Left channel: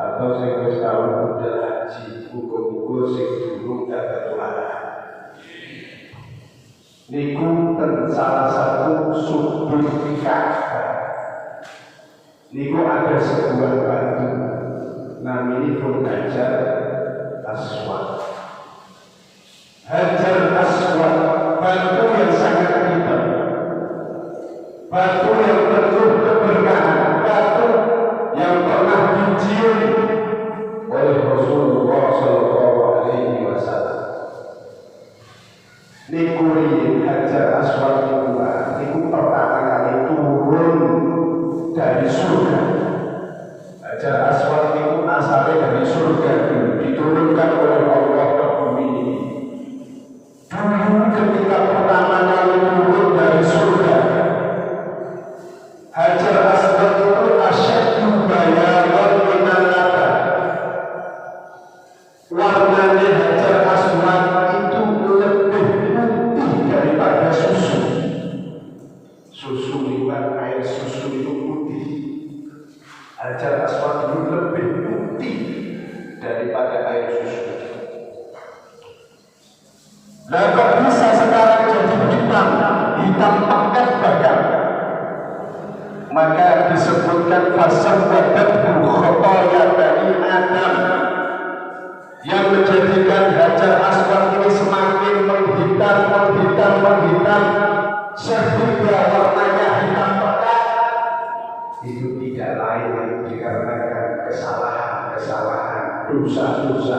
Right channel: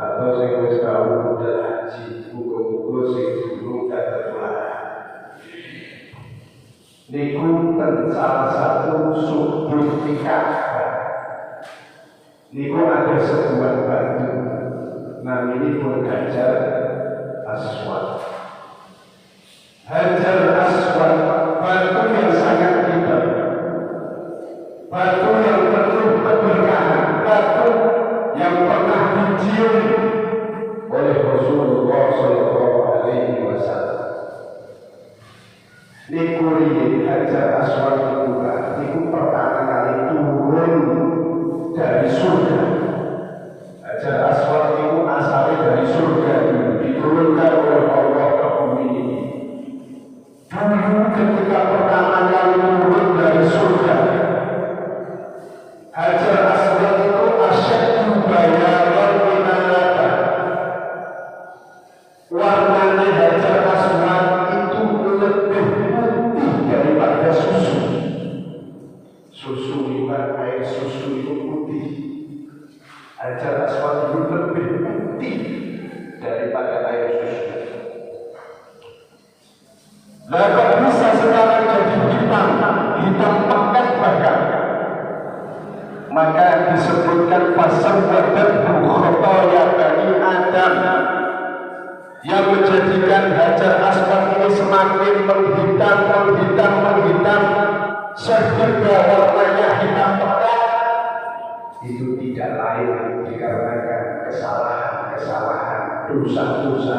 atau sing wis tau budal haji, muga-muga sing durung ketularan. Niku ten salah satu subur Ka'bah. Niku ada sebuah batu, namanya pun Hajar Aswad. Hajar Aswad, batu yang sangat hebat, batu yang penuh keberkahan, batu yang pernah dicium oleh Rasulullah SAW. Niku Hajar Aswad niku pertama kali turun dari surga. Hajar Aswad niku asalnya dari surga, diturunkan oleh Allah ke bumi ini. Dulu ketika pertama kali turun dari surga, Hajar Aswad itu asyaddu bayaran minan laban. Warnanya Hajar Aswad itu lebih putih daripada susu. Susu itu kan air susu itu putih. Hajar Aswad itu lebih putih daripada air susu. Nah, kok bisa sekarang jadi hitam pekat bahkan? Maka disebutkan fasawwadathu khotoya bani Adam, yang menjadikan Hajar Aswad ini semakin menghitam sehingga warnanya hitam pekat. Itu tidak lain dikarenakan kesalahan, dosa-dosa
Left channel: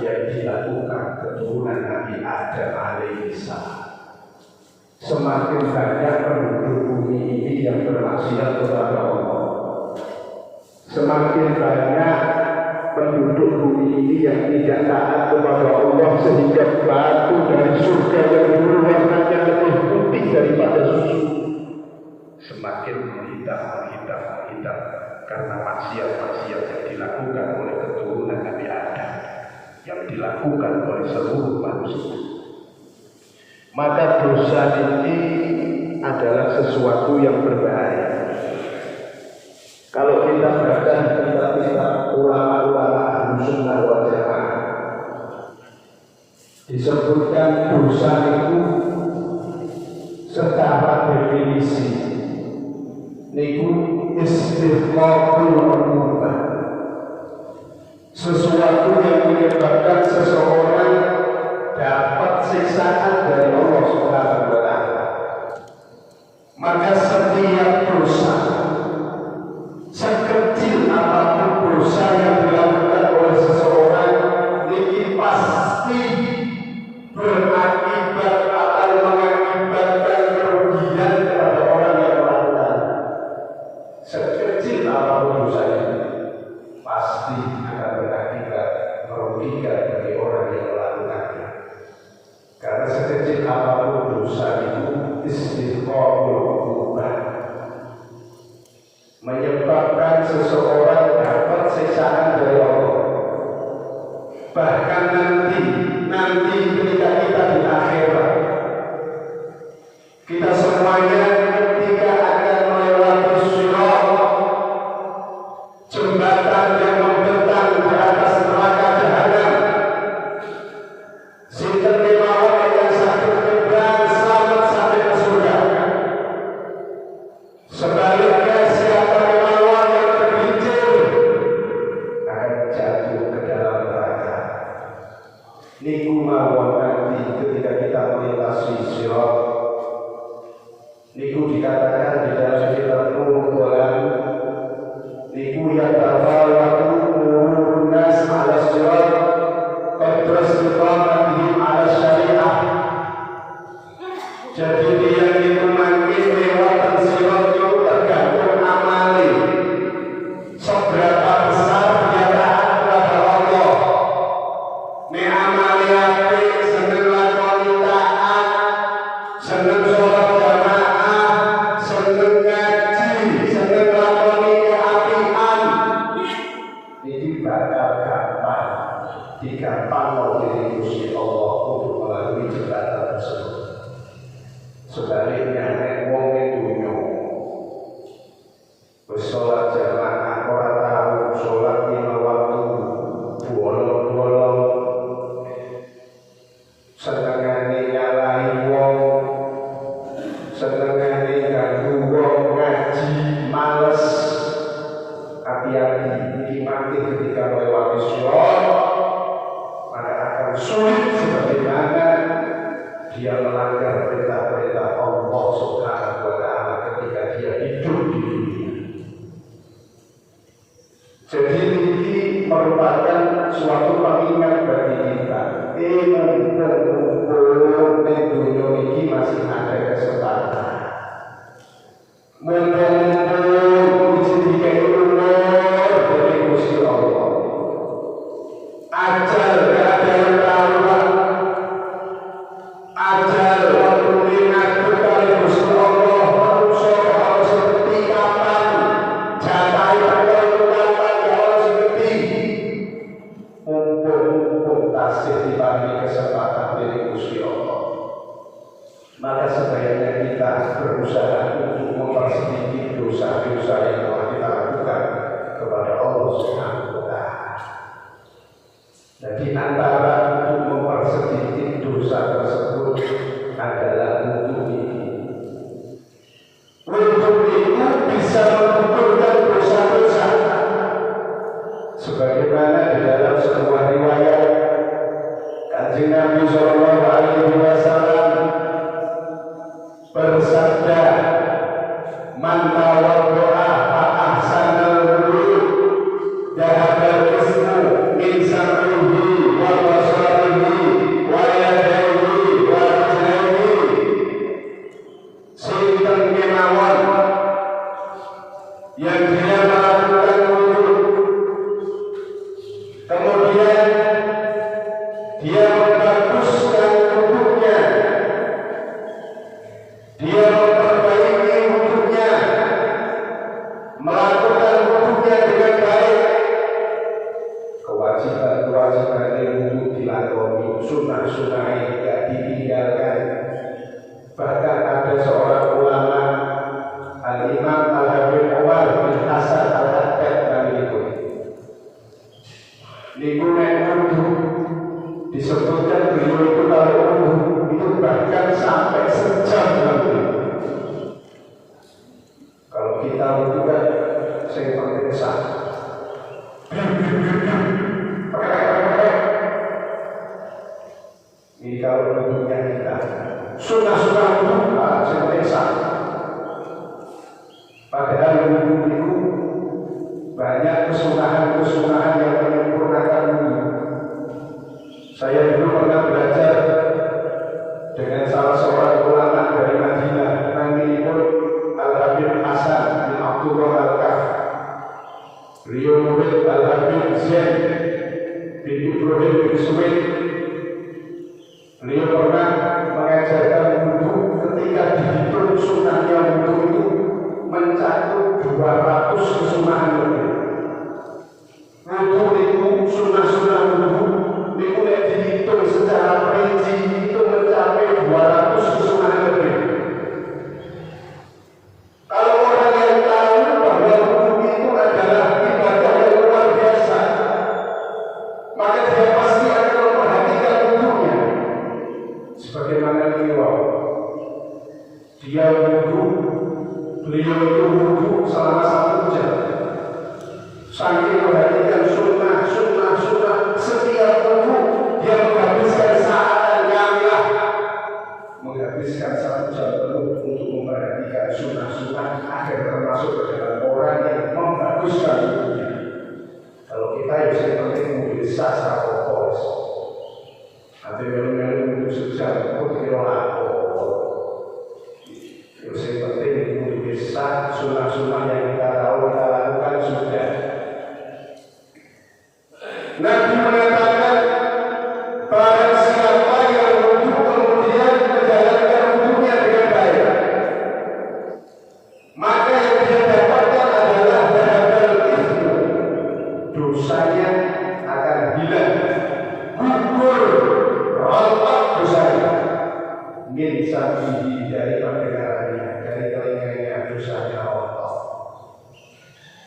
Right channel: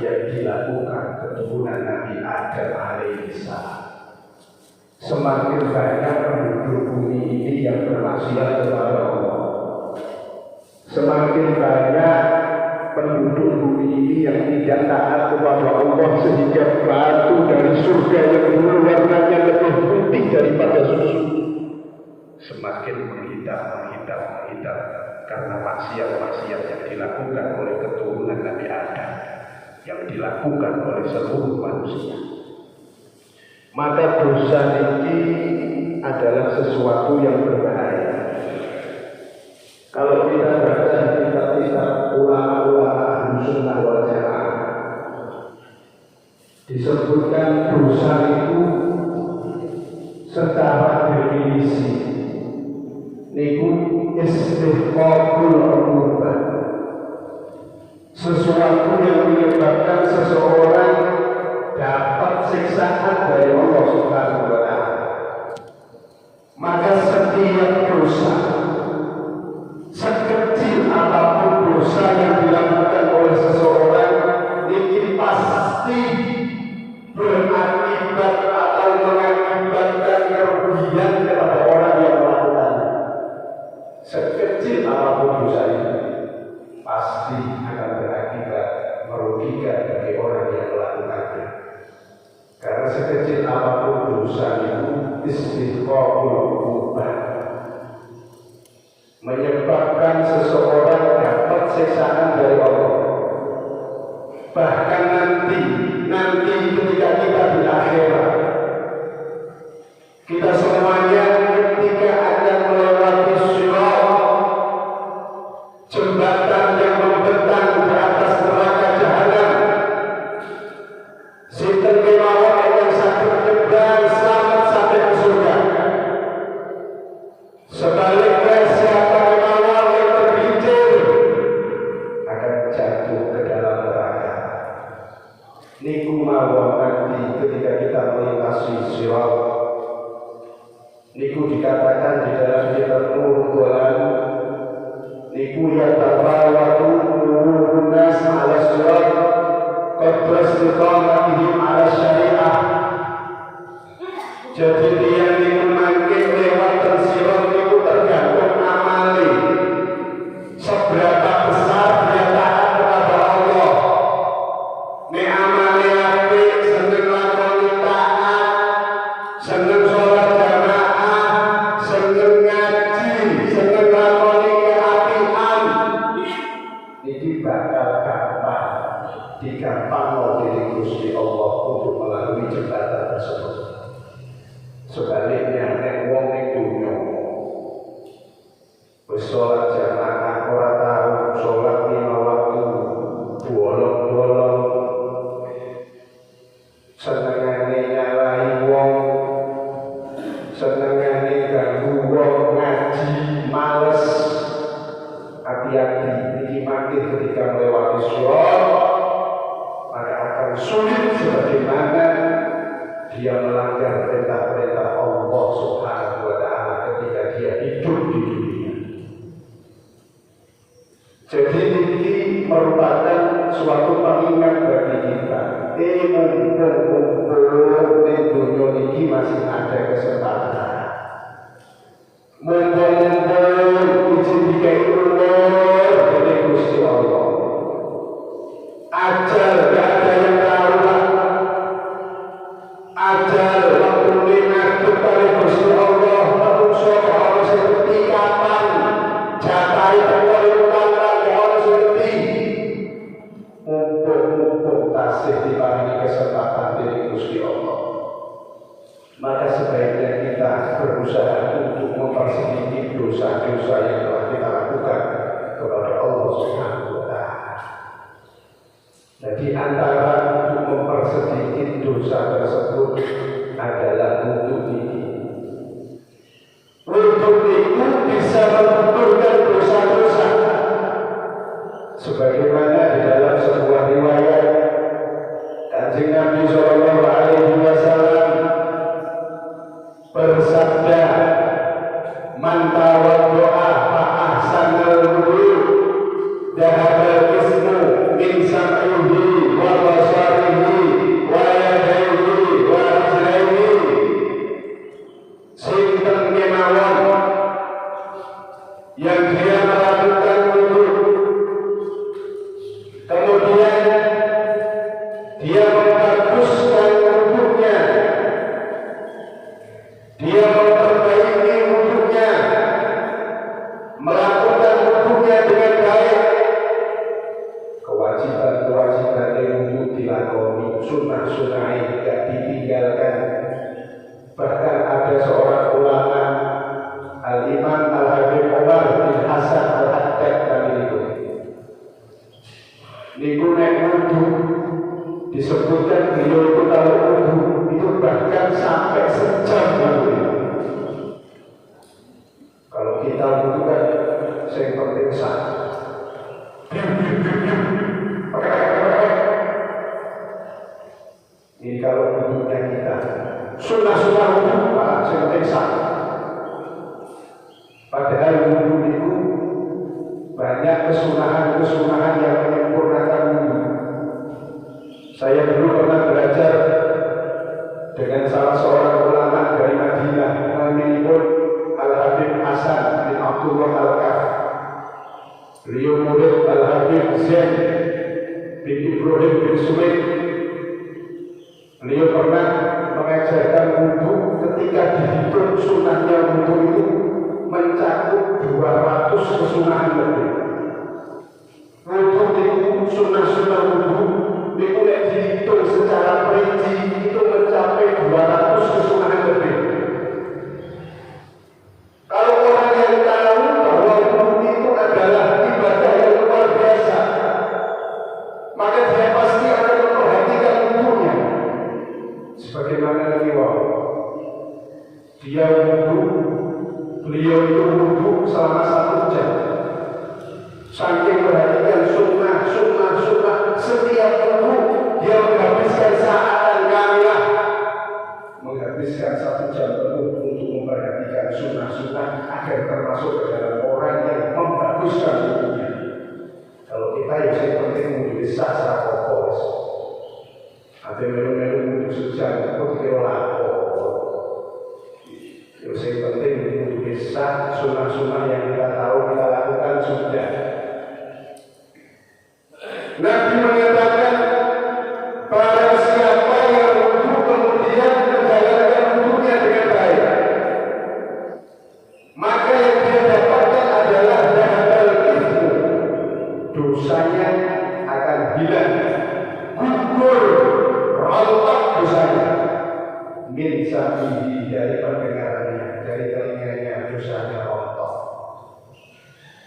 yang dilakukan keturunan Nabi Adam alaihissalam. Semakin banyak penduduk bumi ini yang bermaksiat kepada Allah, semakin banyak penduduk bumi ini yang tidak taat kepada Allah, sehingga batu dari surga yang dulu warnanya lebih putih daripada susu semakin hitam karena maksiat yang dilakukan oleh keturunan Nabi Adam, yang dilakukan oleh seluruh manusia. Maka dosa ini adalah sesuatu yang berbahaya. Kalau kita baca kitab-kitab ulama-ulama Ahlussunnah wal Jamaah, disebutkan dosa itu secara definisi niku istiqaqul umumah, sesuatu yang menyebabkan seseorang dapat siksaan dari Allah Subhanahu wa Ta'ala. Maka setiap dosa, sekecil apapun dosa yang dilakukan oleh seseorang, ini pasti berakibat atau mengakibatkan kerugian kepada orang yang melakukan. Sekecil apapun dosa itu pasti akan berakibat merugikan bagi orang yang melakukannya. Karena sekecil apapun dosa itu istiqaqul ubah, menyebabkan seseorang dapat siksaan dari Allah. Bahkan nanti ketika kita di akhirat, kita semuanya ketika akan melewati sirat, jembatan yang membentang di atas neraka jahanam, sinten kemawon yang sakit kebang selamat sampai ke surga. Sebaliknya siapa kemawon yang tergelincir akan jatuh ke dalam neraka. Niku mawon nanti ketika kita melintasi sirat, niku dikatakan di dalam kitab Nur-Quran, niku ya tafawatu nurun nas ala sirat qadra istiqamatihim ala syariah. Jadi dia itu makin lewat sirat itu tergantung amali, seberapa besar dia taat kepada Allah. Nek amali apik, seneng lakoni taat, seneng sholat jamaah, seneng ngaji, seneng lakoni keapian, ini bakal gampang digampang oleh Gusti Allah untuk melalui jembatan tersebut. Sebaliknya nek wong dunya wis sholat jamaah ora tahu, sholat 5 waktu dinikmati ketika melewati syurga, maka akan sulit sebagaimana dia melanggar perintah-perintah Allah Subhanahu wa Ta'ala ketika dia hidup di dunia. Jadi ini merupakan suatu pengingat bagi kita. Mumpung di dunia ini masih ada kesempatan. Mumpung izin dikai umur dari Gusti Allah. Ajal gak ada yang tahu. Ajal waktu ngatur kali Gusti Allah. Manusia kalau seperti kapan jatai berkelutan kalau seperti mumpung tasih diparingi kesempatan dari Gusti Allah. Maka sebaiknya kita berusaha untuk mempersedikit dosa-dosa yang telah kita lakukan kepada Allah Subhanahu wa Ta'ala. Jadi antara untuk mempersedikit dosa tersebut adalah wudhu ini. Wudhu itu bisa menggugurkan dosa-dosa. Sebagaimana di dalam sebuah riwayat Kanjeng Nabi Sallallahu Alaihi Wasallam bersabda, "Man tawaddo'a fa ahsanal wudu, dhahabal ismu min sam'ihi wa basarihi wa yadayhi wa rijlaihi." Sinten kemawon yang dia melakukan wudu, kemudian dia membaguskan wudunya, dia memperbaiki wudhunya, melakukan wudhunya dengan baik, kewajiban-kewajiban yang wudhu dilakoni, sunnah-sunnah yang tidak ditinggalkan. Bahkan ada seorang ulama, Al-Imam Al-Habib Umar bin Hasan Al-Haddad kami itu. Nek wudhu disebutkan beliau itu kalau wudhu itu bahkan sampai sejam nanti. Kalau kita wudhu kan yang penting sah. Ini kalau wudhunya kita sunnah-sunnah wudhu yang penting sah. Padahal wudhu itu banyak kesunahan-kesunahan yang menyempurnakan wudhu. Saya dulu pernah belajar dengan salah seorang ulama dari Madinah, namanya Al-Habib Hasan bin Abdullah Al-Kaf. Beliau murid Al-Habib Zain bin Ibrahim bin Sumaid. Beliau pernah mengajarkan wudhu ketika dihitung sunnahnya wudhu itu mencakup 200 kesunahan lebih. Wudhu itu sunnah-sunnah wudhu itu tidak dihitung secara perinci itu mencapai 200 kesunahan lebih. Kalau orang yang tahu bahwa wudhu itu adalah ibadah yang luar biasa, maka dia pasti akan memperhatikan wudhunya. Sebagaimana beliau beliau itu wudhu selama 1 jam. Saking perhatikan sunnah, setiap wudhu dia menghabiskan saat kamilah, menghabiskan 1 jam penuh untuk memperhatikan sunnah agar termasuk ke dalam orang yang membaguskan wudhunya. Kalau kita yang penting wudhu sasa fokus, ada melu-melu wudhu sejam pun kira lapor. Yang penting wudhu sah, sunnah yang kita tahu kita lakukan sudah. Nabi mengatakan, barang siapa yang wudhu kemudian menjalankan wudhunya dengan baik, maka yang dia dapatkan adalah dhahabal ismu, dosanya akan hilang, gugur, rontok dosanya. Min sam'ihi, dari pendengarannya, dari telinganya dosanya rontok.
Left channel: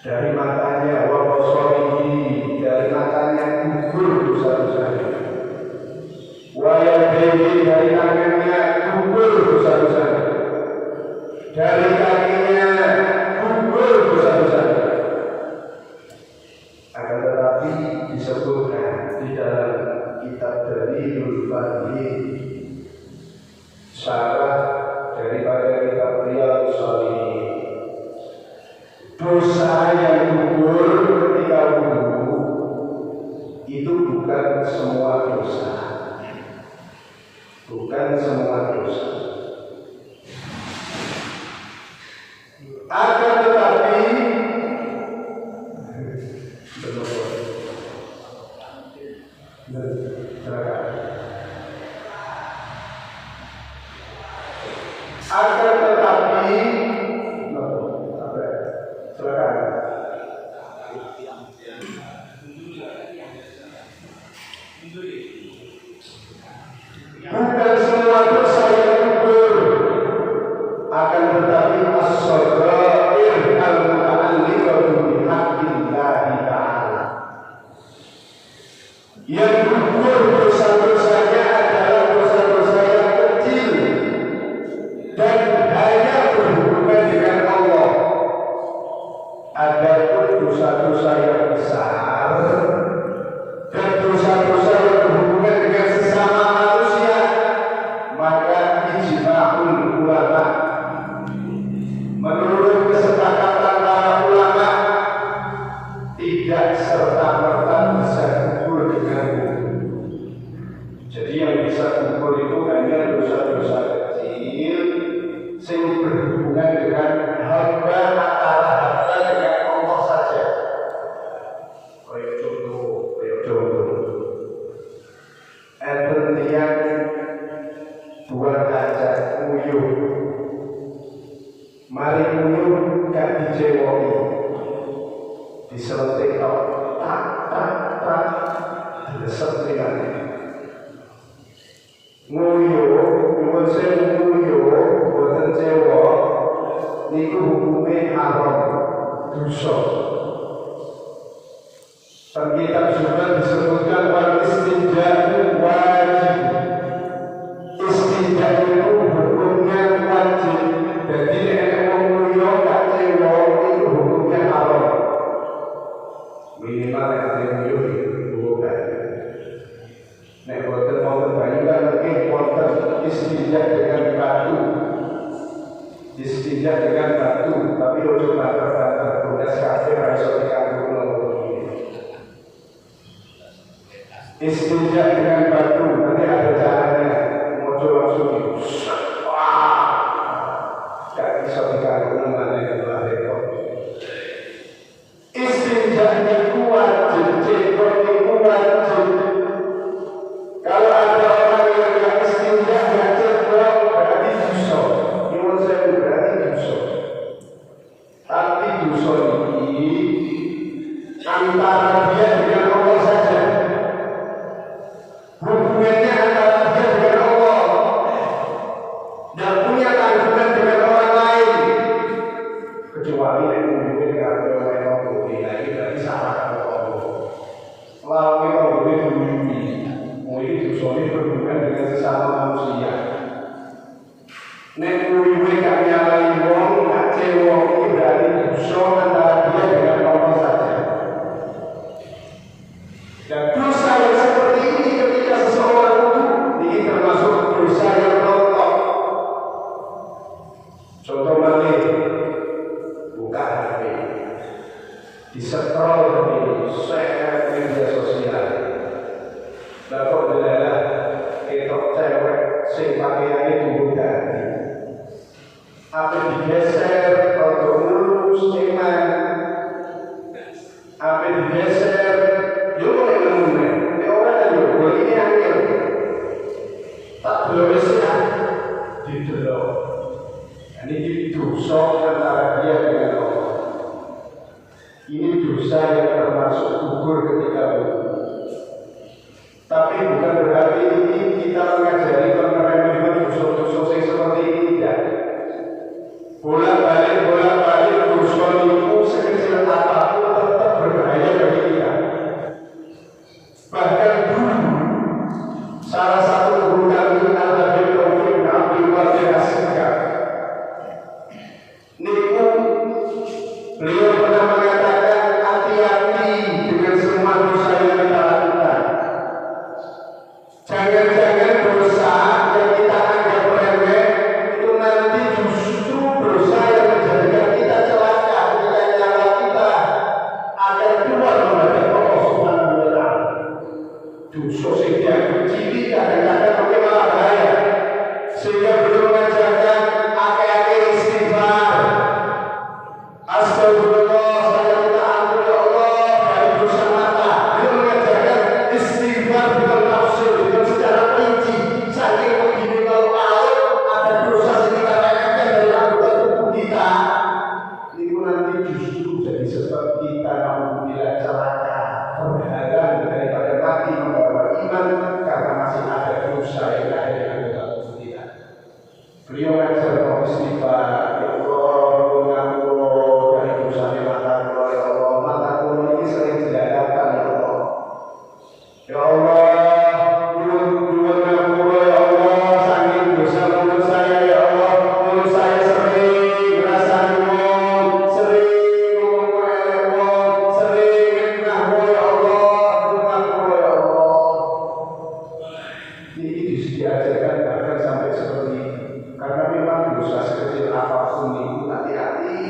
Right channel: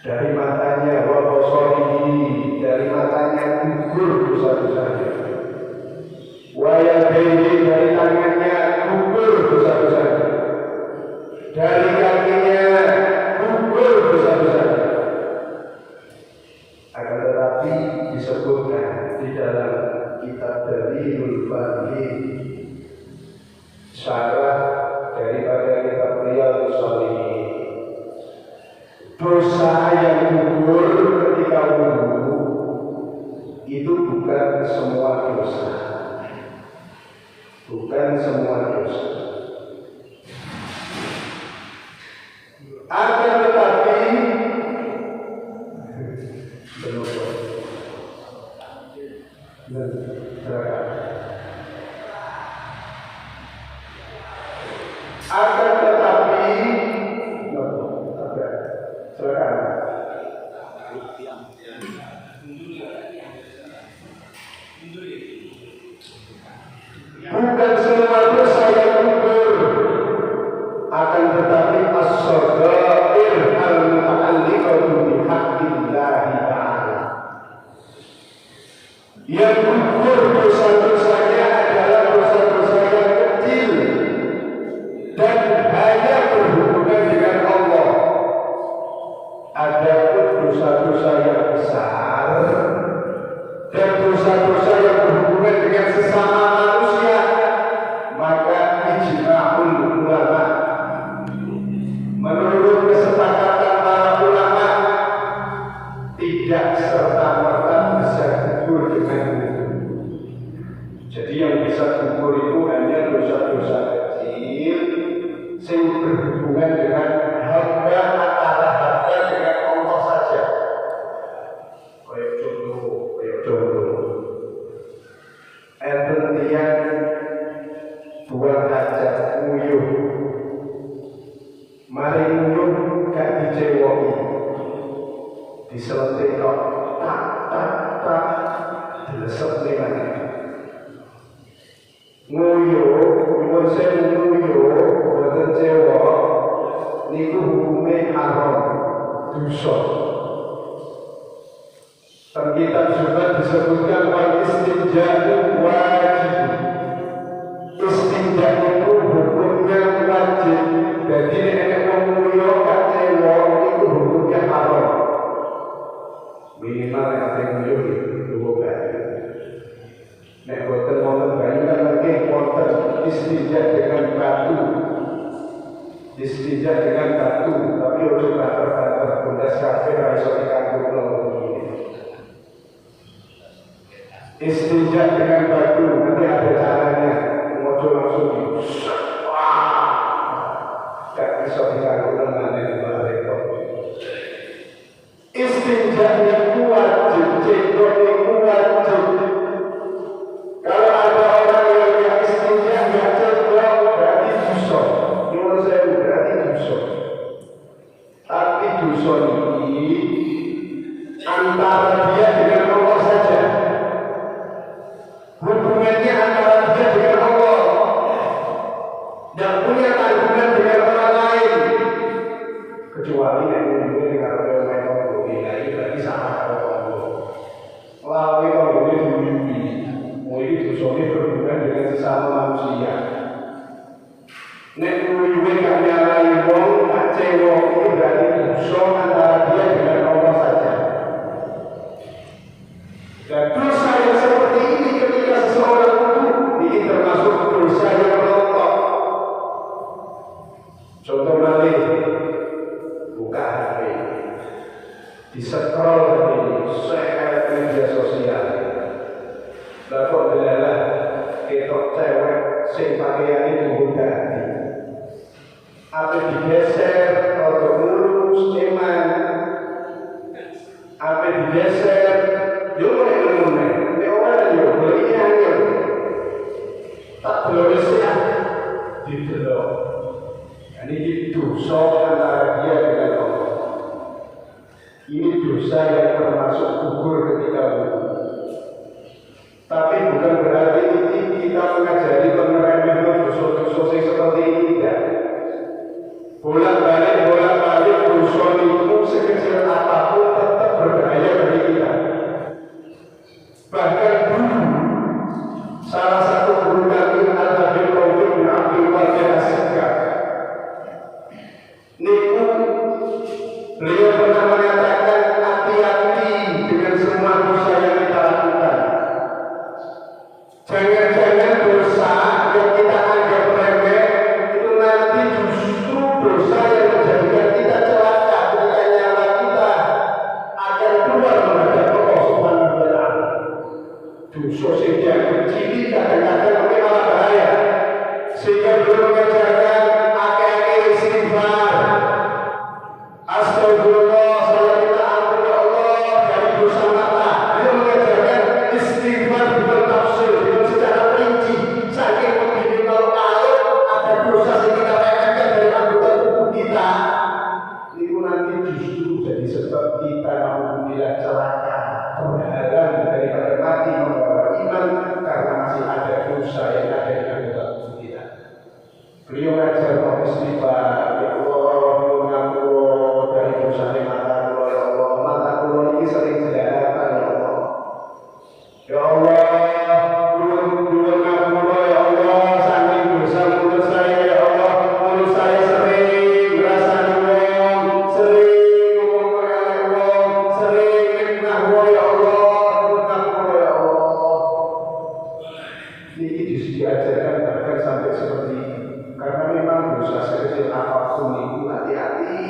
Dari matanya, wa basarihi, dari matanya gugur dosa-dosanya. Wa yadayhi, dari tangannya gugur dosa-dosanya. Dari kakinya gugur dosa-dosanya. Akan tetapi disebutkan di dalam kitab Dalilul Fadli, syarah daripada kitab Riyadhus Shalihin, dosa yang gugur ketika wudu itu bukan semua dosa, bukan semua dosa. Akan tetapi bukan semua dosa yang gugur, akan tetapi as-shaghair al-muta'alliqatu bihaqqillahi ta'ala, yang gugur dosa-dosanya adalah dosa-dosa yang kecil dan hanya berhubungan dengan Allah. Adapun dosa-dosa yang besar dan dosa-dosa yang berhubungan dengan sesama manusia, maka ijma'ul ulama, menurut kesepakatan para ulama, tidak serta-merta bisa gugur dengan wudu. Jadi yang bisa gugur itu hanya dosa-dosa kecil yang berhubungan dengan hamba, antara hamba dengan Allah saja. Kayak contoh, enten tiang buat hajat nguyuh, mari nguyuh gak dicewoki, diselentik kok tak dilesep nih. Nguyuh, nyuwun sewu nguyuh, boten cewok, niku hukumnya haram, dosa. Dan kitab juga disebutkan wal istinja'u wajib. Istinja' itu hukumnya wajib. Jadi nek wong mulya gak cewok niku hukumnya haram. Minimal nek ate mulya iki bayi. Nek boten wonten bayi kan nggih wonten istinja' dengan batu. Istinja' dengan batu, tapi ojo banter-banter belas kabeh ora iso dikanggo kula. Istinja' dengan batu nanti ada caranya, mojo langsung gak bisa dikanggo namanya repot. Istinja' niku wajib, cekok niku wajib. Kalau ada orang yang gak istinja' gak cekok, berarti dosa. Nyuwun sewu, berarti dosa. Tapi dosa ini antara dia dengan Allah saja. Hubungannya antara dia dengan Allah, dan punya tanggungan dengan orang lain, kecuali yang hubungannya dengan orang lain. Nah ini tadi salah kalau Allah. Lalu kalau boleh dihubungi, mulai dosa berhubungan dengan sesama manusia. Nek mulai kami lain wong tak cewek ini berarti dosa antara dia dengan Allah saja. Dan dosa yang seperti ini ketika seseorang wudu, ini termasuk dosa yang rontok. Contoh malih, buka HP, di-scroll ini, share media sosial. Lah kok delalah ketok cewek sing pakaiane dhuwur dadi. Apa digeser rada mulus eman. Apa digeser yo ngene. Nek ora yo goleki angel. Tak delok ya. Didelok. Ini dosa antara dia dengan Allah. Ini dosa yang termasuk gugur ketika wudu. Tapi bukan berarti ini kita mengajari meremehkan dosa-dosa yang seperti ini, tidak. Bolak-balik dosa itu sekecil apapun tetap berbahaya bagi kita. Bahkan dulu salah satu guru kami Al-Habib Taufik bin Abdul Wahid As-Sikaf, niku beliau pernah mengatakan hati-hati dengan halang daripada mati membawa iman karena masih ada dosa yang ada di anggota tubuh kita. Beliau ngajar mau istighfar, ya Allah, dari dosa yang mata kulo, ya Allah, mata kulo ini sering dilalatan, ya Allah. Ya Allah, dua kulo, ya Allah, saking dosa mulut saya, ya Allah, mulut saya sering merasa ngomong, sering ngomong melewat, sering fitnah kulo, ya Allah, fitnah kulo, ya Allah. Ini diajarkan bahkan sampai seperti ini. Karena memang dosa sekecil apapun itu hati-hati,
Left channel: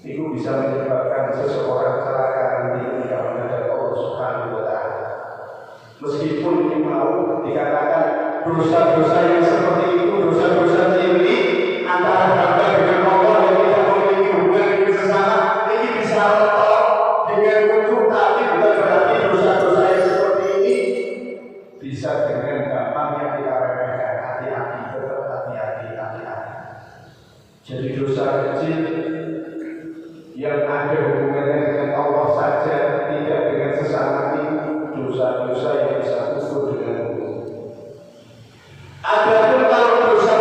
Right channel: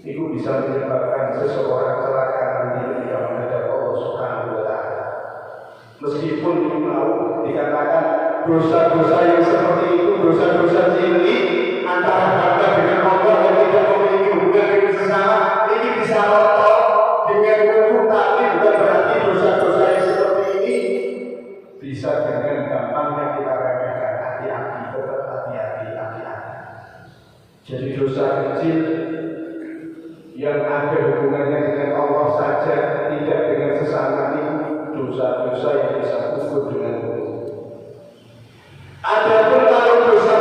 itu bisa menyebabkan seseorang celaka nanti ketika menghadap Allah Subhanahu wa Ta'ala. Meskipun ini mau dikatakan dosa-dosa yang seperti itu, dosa-dosa cilik antara hamba dengan Allah yang tidak memiliki hubungan dengan sesama, ini bisa rontok dengan wujud, tapi bukan berarti dosa-dosa yang seperti ini bisa dengan gampangnya kita remehkan. Hati-hati, tetap hati-hati. Jadi dosa kecil yang ada hubungannya dengan Allah saja, tidak dengan sesama, itu dosa-dosa yang bisa kufur dengan hukum. Adapun kalau dosa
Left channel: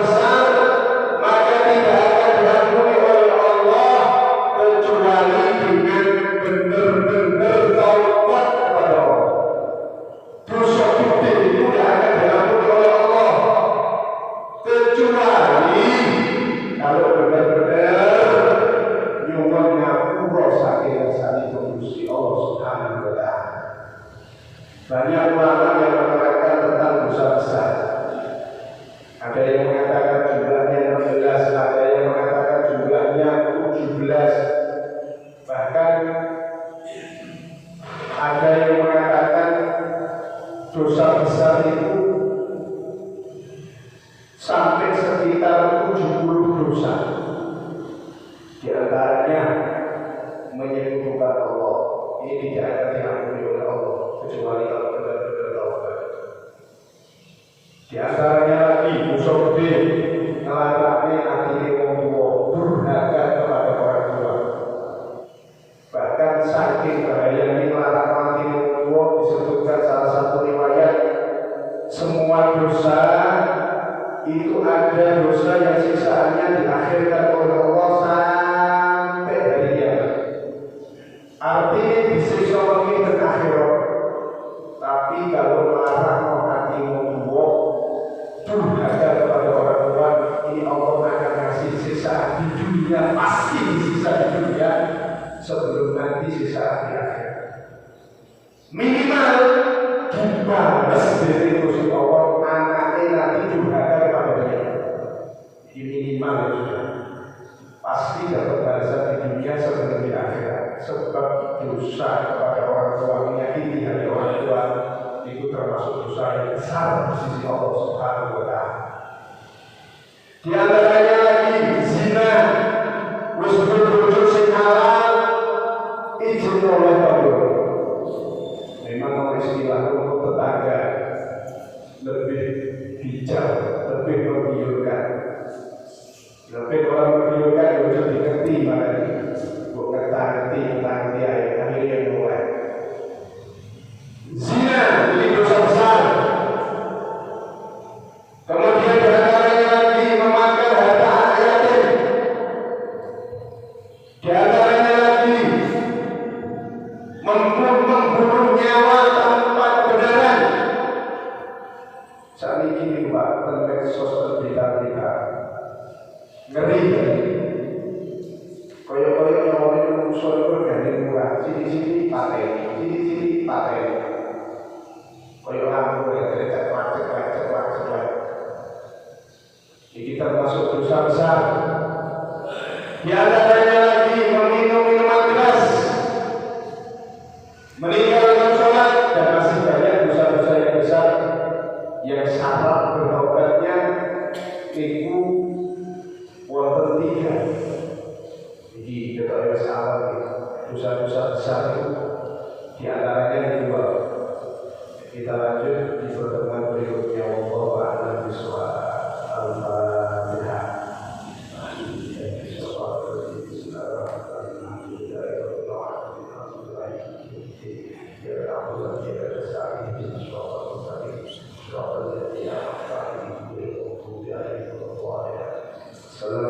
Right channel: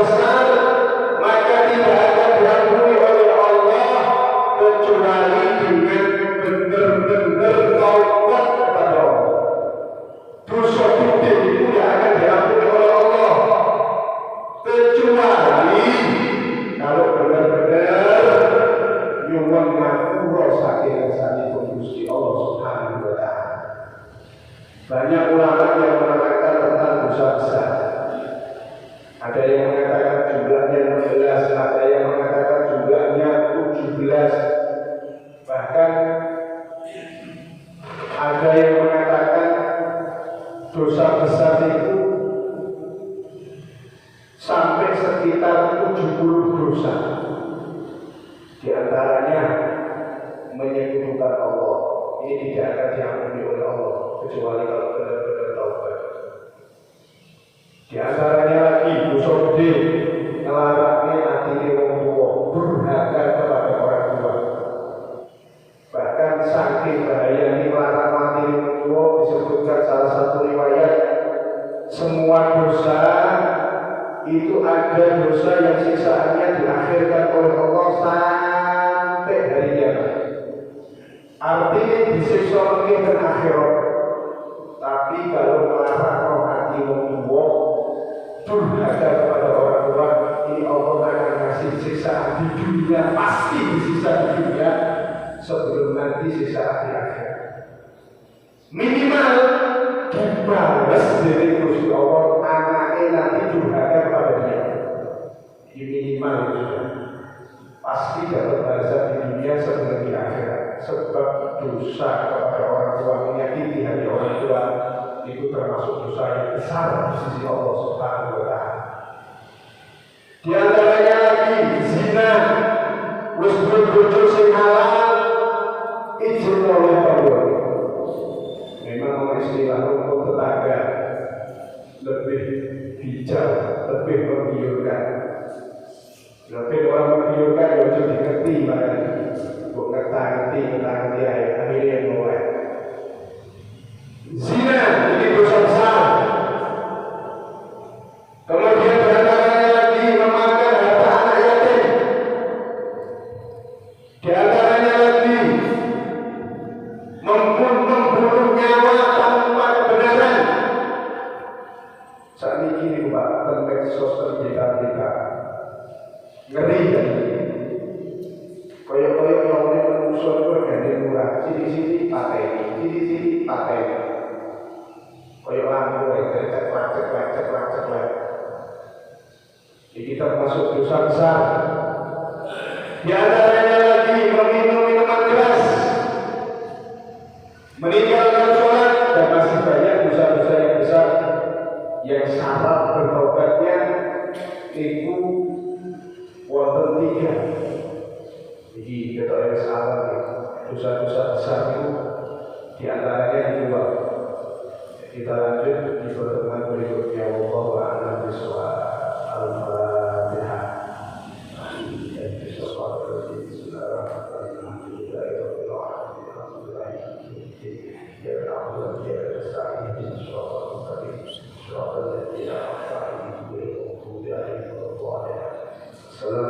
besar, maka tidak akan diampuni oleh Allah kecuali dengan benar-benar taubat kepada Allah. Dosa gede itu tidak akan diampuni oleh Allah kecuali kalau benar-benar nyuwun ngapura saking sanipun Gusti Allah Subhanahu wa Ta'ala. Banyak ulama yang menerangkan tentang dosa besar. Ada yang mengatakan jumlahnya 16, ada yang mengatakan jumlahnya 17. Bahkan ada yang mengatakan dosa besar itu sampai sekitar 70 dosa. Di antaranya menyekutukan Allah. Ini tidak akan diampuni oleh Allah kecuali kalau benar-benar taubat. Di antaranya lagi dosa gede, ngelarangnya hati wong tua, durhaka kepada orang tua. Bahkan saking bahayanya melarang mati wong tua, disebutkan salah satu riwayat, semua dosa itu ada dosa yang siksaannya diakhirkan oleh Allah sampai hari kiamat. Artinya disiksa mungkin dan akhirat. Tapi kalau melarang hati wong tua, durhaka kepada orang tua, ini Allah akan kasih siksaan di dunia, pasti disiksa di dunia sebelum nanti siksaan di akhirat. Minimal dibalas dari Gusti Allah anaknya nanti durhaka kepada dia. Ini minimal sudah. Pasti dapat balasan di dunia sebelum di akhirat. Sebab dosa kepada orang tua, menyakiti hati orang tua, itu termasuk dosa yang besar di sisi Allah Subhanahu wa Ta'ala. Di antaranya lagi zina, wis bojo sing halal, izin oleh Allah. Memang istilah untuk tetangga lebih bijak, lebih menggiurkan. Lebih orang menggiurkan wujud dikerti barang. Bukan tanti akhirnya mulai. Zina ini dosa besar. Kemudian di antaranya lagi memakai harta anak yatim. Di antaranya lagi membunuh nyawa tanpa kebenaran. Saat ini Pak, tentang sosial kita ngeri kan? Koyok-koyok yang usul itu berganti murah. Sini-sini pateni. Koyok lampu dari ceklak. Ini termasuk dosa besar. Di antaranya lagi meminum minuman keras, meninggalkan sholat, dan masih banyak dosa-dosa yang besar yang syarat bertobatnya itu wonten 3. Jadi kita salah dosa-dosa besar itu di antaranya 2. Kita lanjut di pertemuan berikutnya. Wallahu a'lam bishawab. Al-Fatihah. Salam